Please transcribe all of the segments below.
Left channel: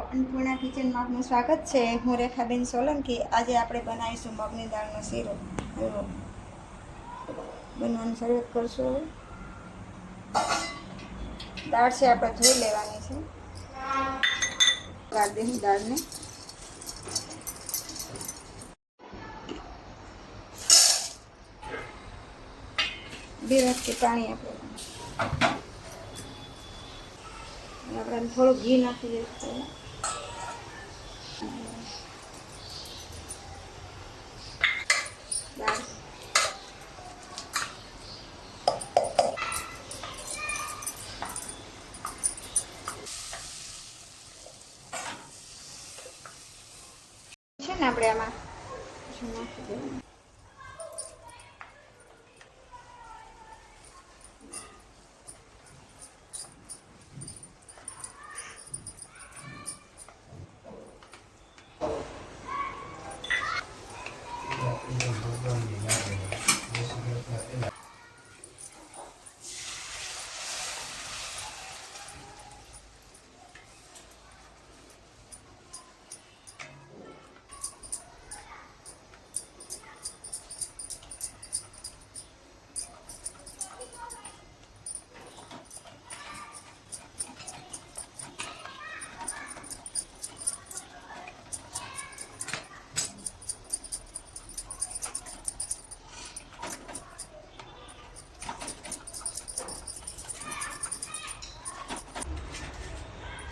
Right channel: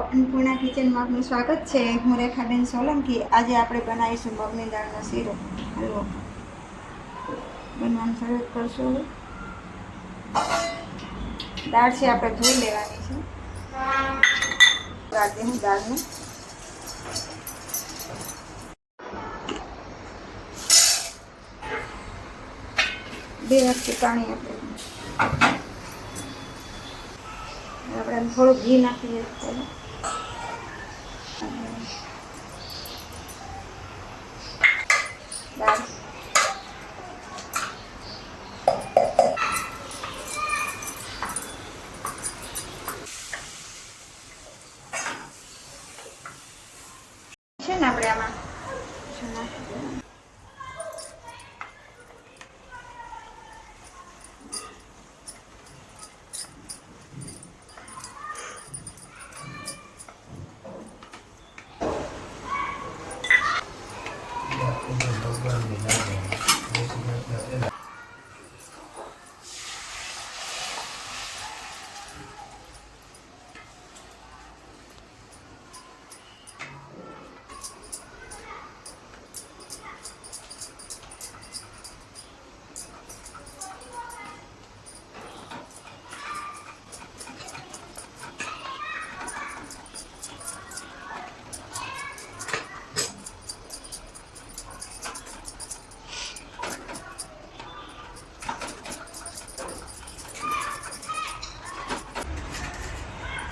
અન્નપૂર્ણા કિચનમાં આપનું સ્વાગત છે। હું રેખાબેન સોલંકી। આજે આપણે બનાવીશું મગની દાળનો શીરો હલવો। બનવાનું શરૂ કરશું। દાળ છે આપણે ધોઈ લેવાની છે। ગાળ દઉં દાળને। બે વાટકી પાણી આપણે થોડું ઘી નાખી દઈએ પહેલાં। દાળ છે ને આપણે આમાં નાખી દઈએ।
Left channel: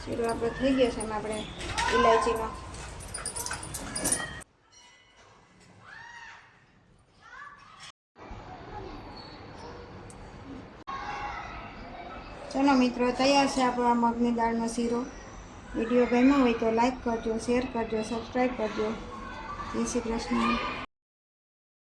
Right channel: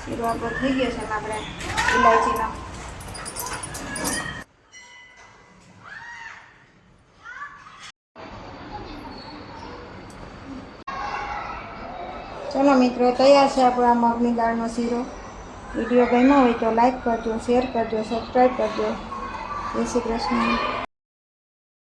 શીરો આપણો થઈ ગયો છે અને આપણે ઇલાયચીનો ચલો મિત્રો, તૈયાર છે આપણો આ મગની દાળનો શીરો। વિડીયો ગમ્યો હોય તો લાઈક કરજો, શેર કરજો, સબસ્ક્રાઈબ કરજો। જય શ્રી કૃષ્ણ।